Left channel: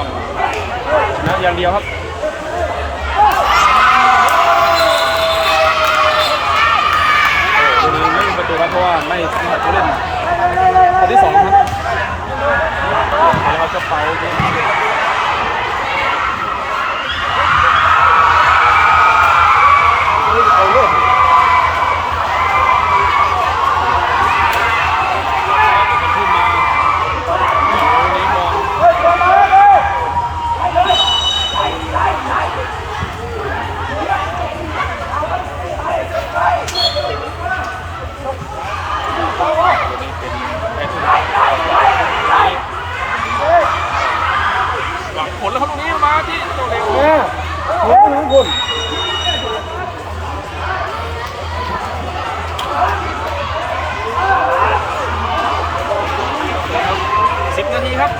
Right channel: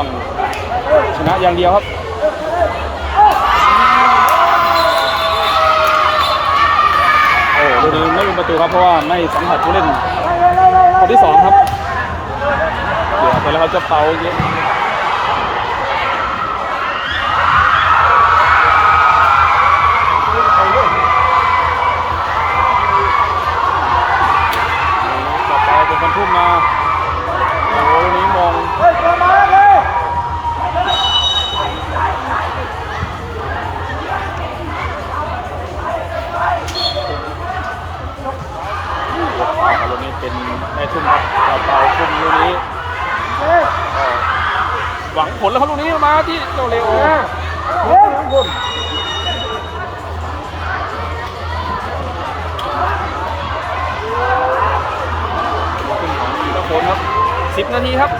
ต้องชนะอย่างเดียวครับโอ้โหดูไม่มีประตูครับเพราะว่าไม่สัมผัสผู้เล่นคนที่สองครับเดี๋ยวเราจะเปาเย็นต่ เป็นไอ้ทุ่มต่อไปทุ่มวันนี้หวังผลแล้วครับลูกนี้มาที่เจ้าเลโอเติมครับสิบนาทีครับ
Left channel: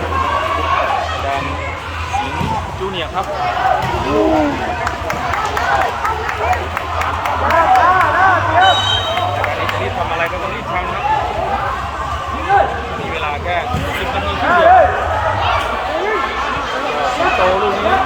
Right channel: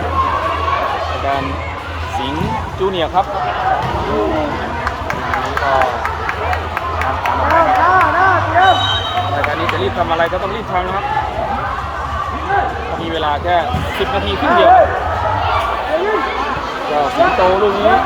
การสิงห์จูเนียร์ครับรามมาแต่การนี้จะรีบทำอะไรก็ต้องรีบทำครับ มีเวลาแค่10นาทีเพียงเดียวสิงโตลูกนี้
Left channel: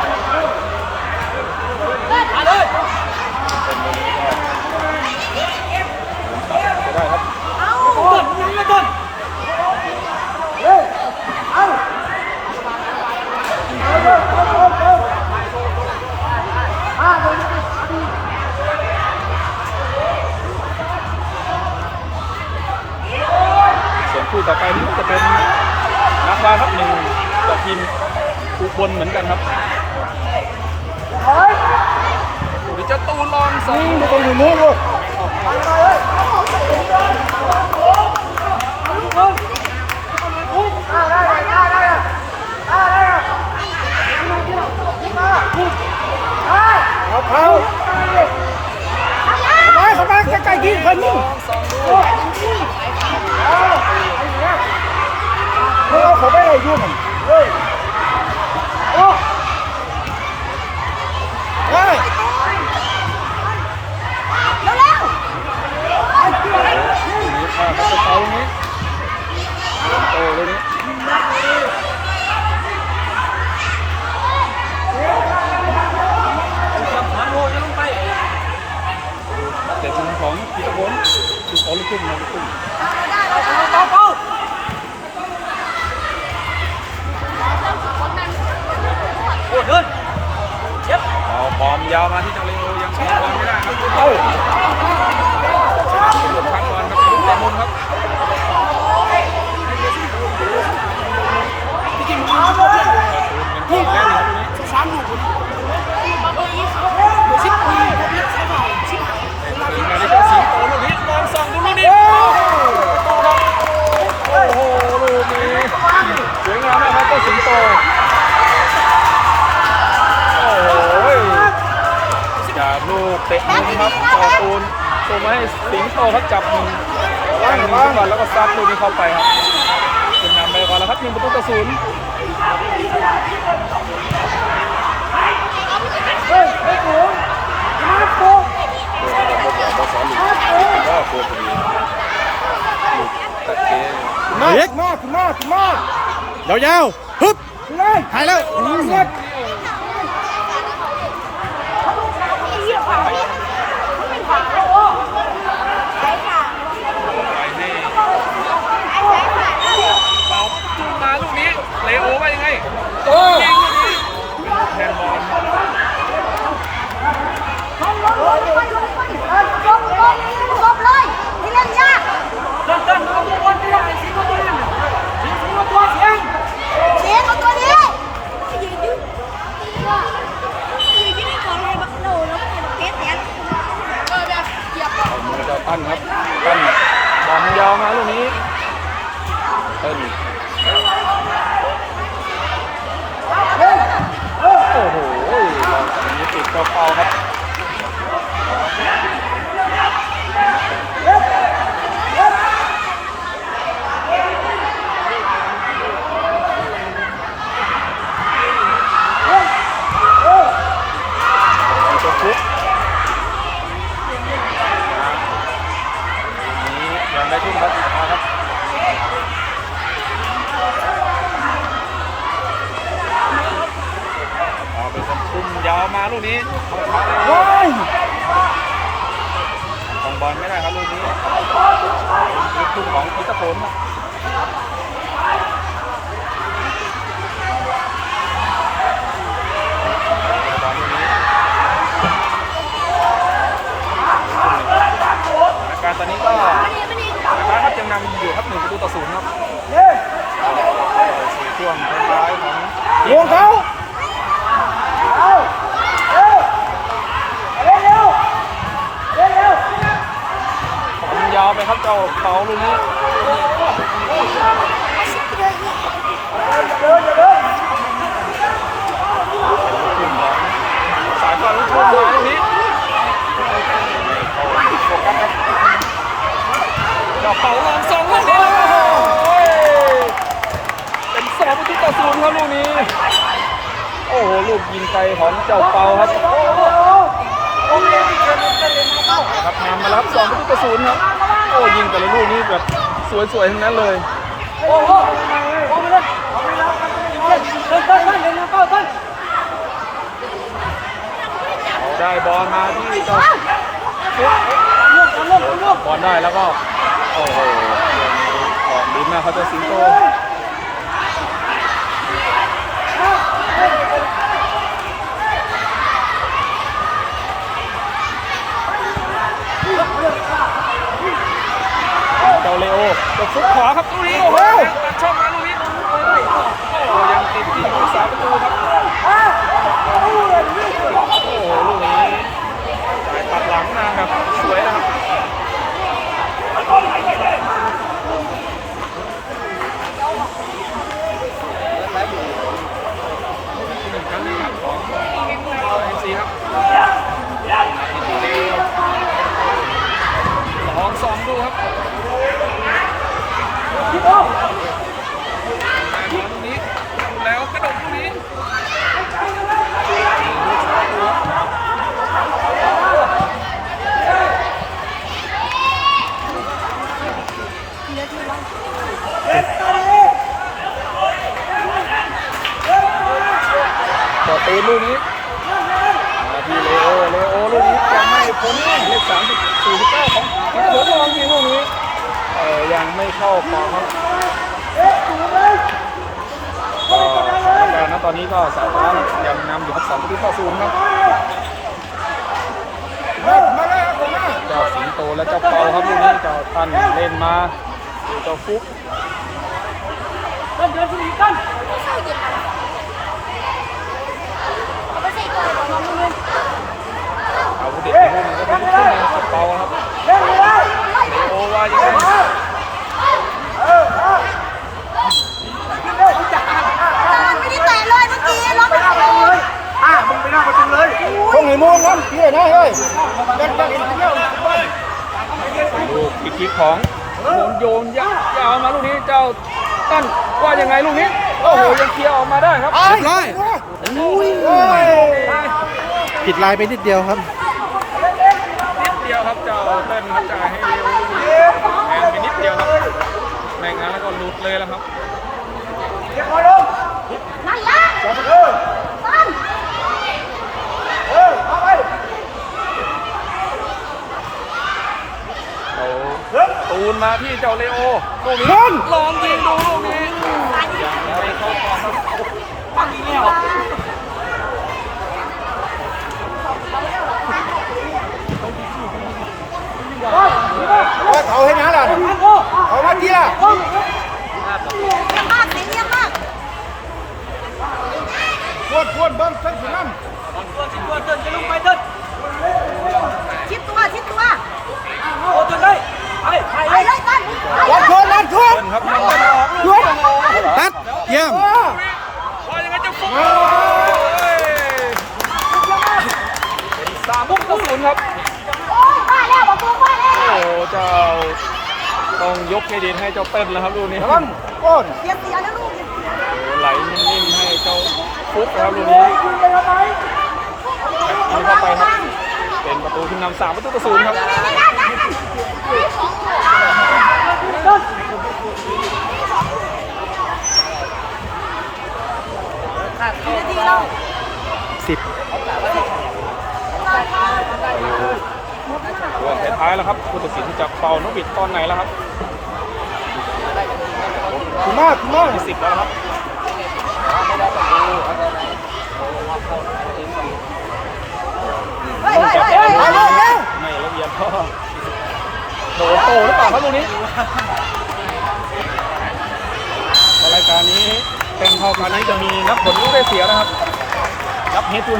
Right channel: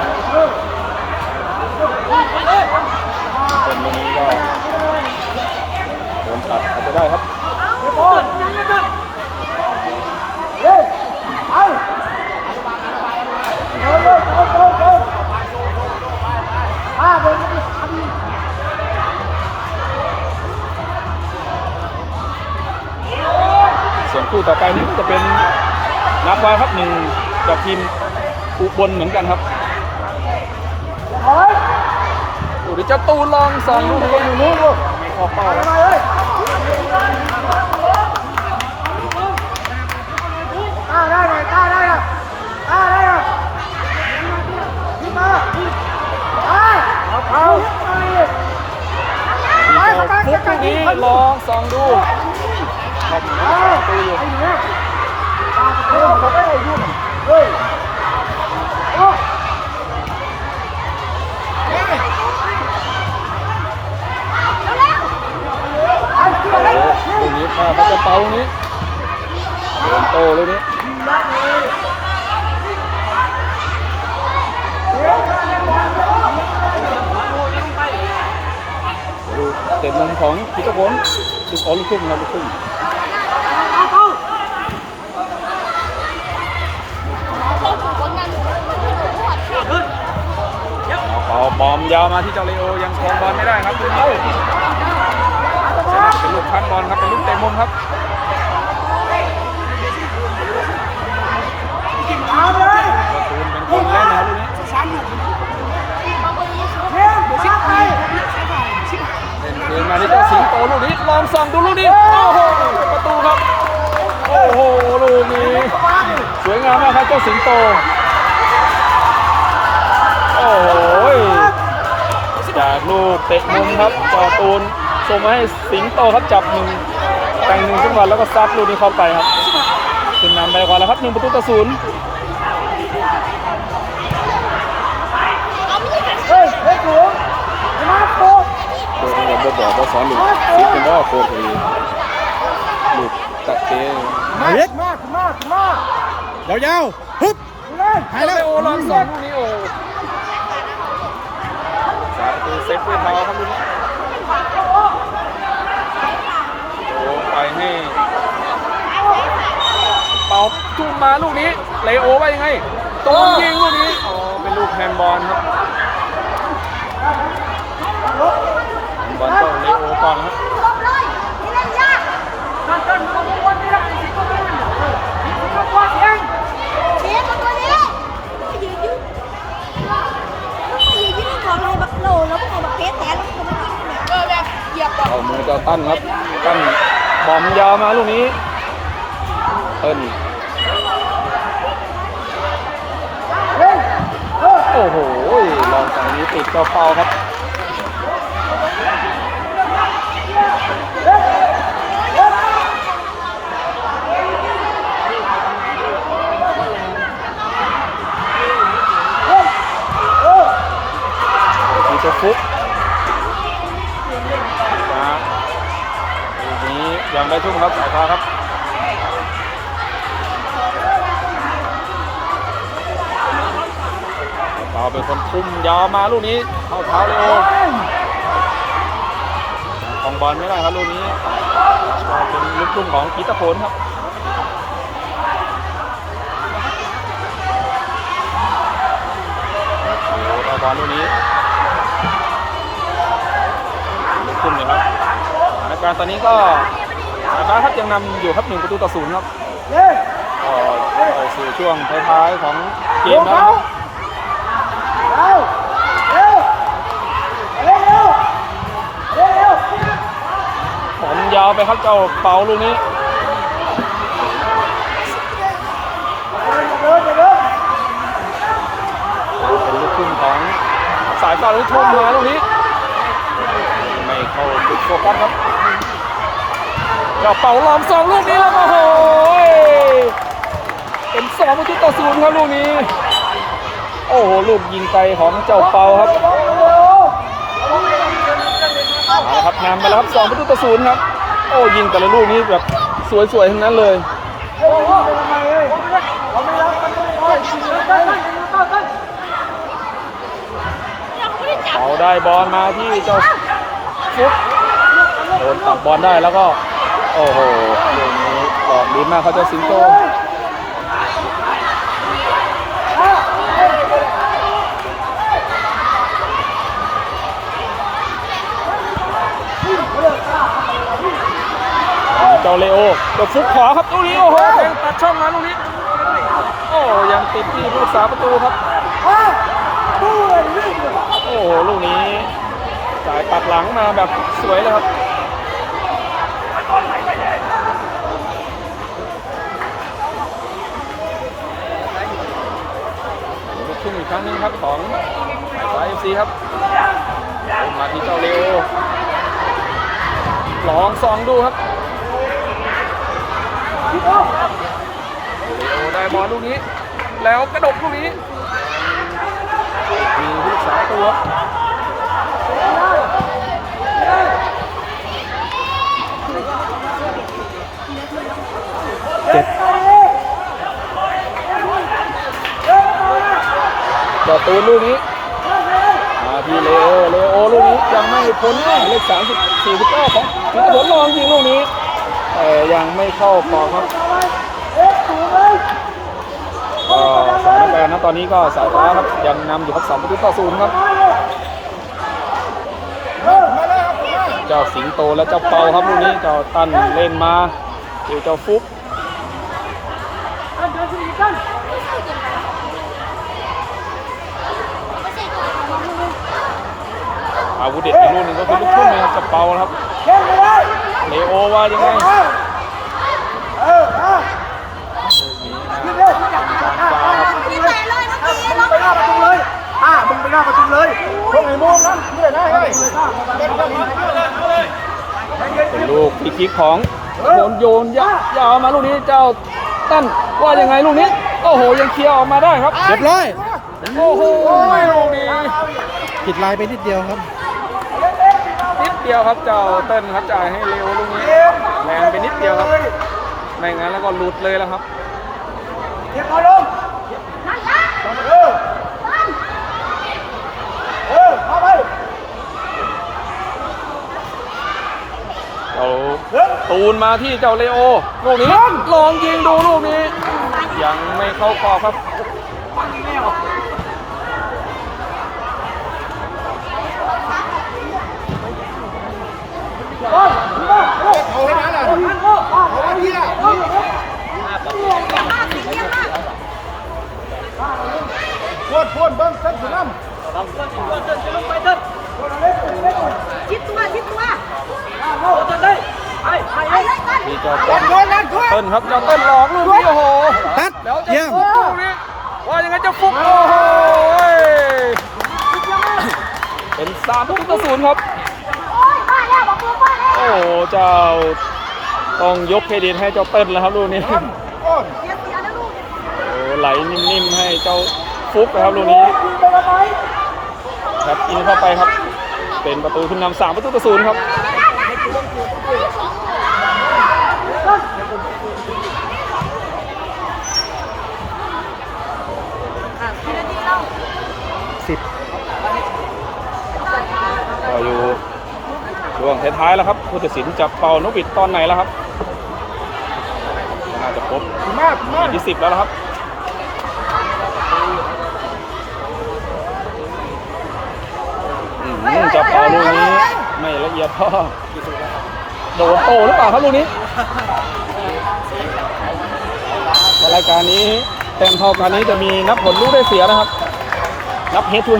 ต่อไปนี้จะเป็นนักวาครับหนึ่งกับทีมอุบลเหมือนกันครับวิจะตูลองสองลูกนี้ออกเป้าครับ คือขอลูกครึ่งนะลูกครึ่งเอาบอลยาวมาที่เจ้าเลโอยังครองบอลไม่ได้ครับลูกนี้จะน่าจะเป็นลูกพัดบอลครับเป็นลูกเตะมุมครับประตูเป็นคนเล่นนะครับลูกนี้ เดินมาที่เจ้าสิงโตลูกนี้ลองส่องดูลูกนี้โอ้โหประตูครับโอ้โหลูกนี้สวยงามมากครับเจ้าสิงโตโอ้โหจากลูกเตะมุมครับเป่าตูนส่งมาให้สิงโตครับจับหนึ่งแทงหนึ่งขึ้นมาแล้วก็ซัดลูกนี้เข้าไปครับขึ้นนำไปก่อนแล้วครับหนึ่งประตูต่อศูนย์ เราบอกว่าสอนหนึ่งสิเป็นว่าโคตรดีลูกตะเกียเอาเล็กยาวๆฮึบหายแล้วโอ้ลองเซ็ตนี่โอ้เซ็ตเป็นเท้าครับลูกโอ้ไปให้เป่าทุ่มมาลูกนี้เลโอไปยังไงตูมยิงลูกนี้อ๋อเป็นลูกแฮนด์บอลครับ อลต้องเลโอก่อนครับจบเลยให้เล่นยากเสียเขาตัวนี้ยืนยืนว่ายืนยืนก่อนให้บักโลแล้วให้บักเป๊ะแต่เอามือจะตั้นครับตั้นบอลยาวมาลูกนี้เติ้ลโอ้โหอันนี้ติดกระเป๋าครับ เป็นคนคุมยาวมาลูกนี้เข้าเท้าเลยโอ้ของบอลไม่ได้ครับลูกนี้เป็นลูกทุ่งของพีตะโคนครับบอลลูกนี้ขึ้นเลยครับอาการตอนนี้ก็อาการครับยังนำอยู่ครับหนึ่งประตูต่อศูนย์ครับเย้ก็เข้าสู่ช่วงท้ายๆของเกมแล้วขา นะครับ ผมยาวไปครับ เจ้าเปาลูกนี้เป็นลูกขึ้นของสายฟ้าลูกทุ่งมาลูกนี้ไม่โฟกัสครับเจ้าเปาลองสองลูกนี้แล้วโอ้โหเป็นสองประตูต่อศูนย์ครับลูกนี้ โอ้โหลูกยิงไกลของเจ้าเปาครับครับนำไปแล้วครับสองประตูต่อศูนย์ครับ อ้ยิงแต่ละลูกนี่แบบสวยๆทั้งนั้นเลยได้บอลมาที่เจ้าฟุตบอลได้แล้วก็ โอ้โหออกดีมากเขาจะสิงโตเจ้าเลโอ กดฟุตขวาครับลูกนี้โอ้โหตัดช่องมาลูกนี้โอ้ยังติดที่ผู้รักษาประตูครับโอ้โหลูกนี้จ่ายปัดหลังมาแบบสวยเลยครับขึ้นอีกครั้งนึงครับของสายเอฟซีครับมาที่เจ้าเร็วลองซองดูครับโอ้ได้ บอลลูกนี้ แล้วกระดกลูกนี้มีลูกสามตัวเจ็ดจอตูนลูกนี้มาที่เลโอเลโอลูกนี้ยังไม่พ้นเลขสามสิบสี่สิบเก้าของผลลองยิงลูกนี้แต่ยังไม่เข้ากรอบครับ ก็สถานการณ์นะตอนนี้ก็สาวฟ้ายังนำอยู่ครับสองประตูต่อศูนย์ครับมามาเลยครับมาเจ้าสิงโตและเจ้าเปาครับลูกนี้เจ้าตั้นเล่นมาเจ้าเจ้าฟุกไม่ใส่เย็นมาละเอาไปใส่ตัวไอ้บอกมึงมึงอาวุธเด็ดอีกลูกหนึ่งก็เป็นลูกทุ่งนะครับเจ้าเปานะครับเลโอว่ายังไง นี่เตะเลยเมื่อกี้เราไม่เอาเลย อะมึงไปล่าประตูเลยพวกไหนม่วงนั่น เกี่ยนะเฮ้ยเดินจะลินเที่ยวบ้านเป็นลูกที่คิกของโยนโยนยาวยาวมาลูกนี้เจ้าตั้นว่ายังไงลูกนี้โอ้โหยังเคลียร์ออกมาได้ครับเรียบร้อยโอ้โหลูกนี้ผิดลายไปนิดเดียวครับ นิดเดียวครับเจ้าเติ้ลครับจ่ายให้เร็วลูกนี้แรงไปนิดเดียวครับไม่งั้นแล้วก็หลุดเลยแล้วครับ เอาตูนมาที่เจ้าเลโอลูกนี้ลองยิงดูลูกนี้ ยังไม่เข้ากรอบครับว่าเขาให้นะล่ะเขามาเที่ยวบ้านสีเรียงมากพวดพวดเบิ้งเส้นสุนัมชิดตัวชิดตัว เอาจนได้นครับต้นหลอกลูกโอ้โหตัดเยี่ยมว่ายังไงจะฟุกโอ้โหเป็นสามลูกต่อศูนครับโอ้โหเจ้าต้องยกเครดิตให้เจ้าเติ้ลแล้วครับลูกนี้โอ้ไหลนิ่มๆให้เจ้าฟุกครับลูกนี้ครับยิงเข้าไปครับ เป็นประตูขึ้นนำสามประตูต่อศูนย์ครับนี่สองหัวสสิบอยู่รวมท้ายๆแล้วครับผู้ตัดสินจับเข่านกบิดตอนไหนแล้วครับน่าจะครบมากมากยี่สิบแล้วนะครับ อืมจับเอาลูกนี้ไม่ละเอียดเท่าโอ้โหหรือเปล่าครับลูกนี้รายการนี้แข่งทอการนี้จะมีนับผลลูกได้เสียนะครับนับเฮดทู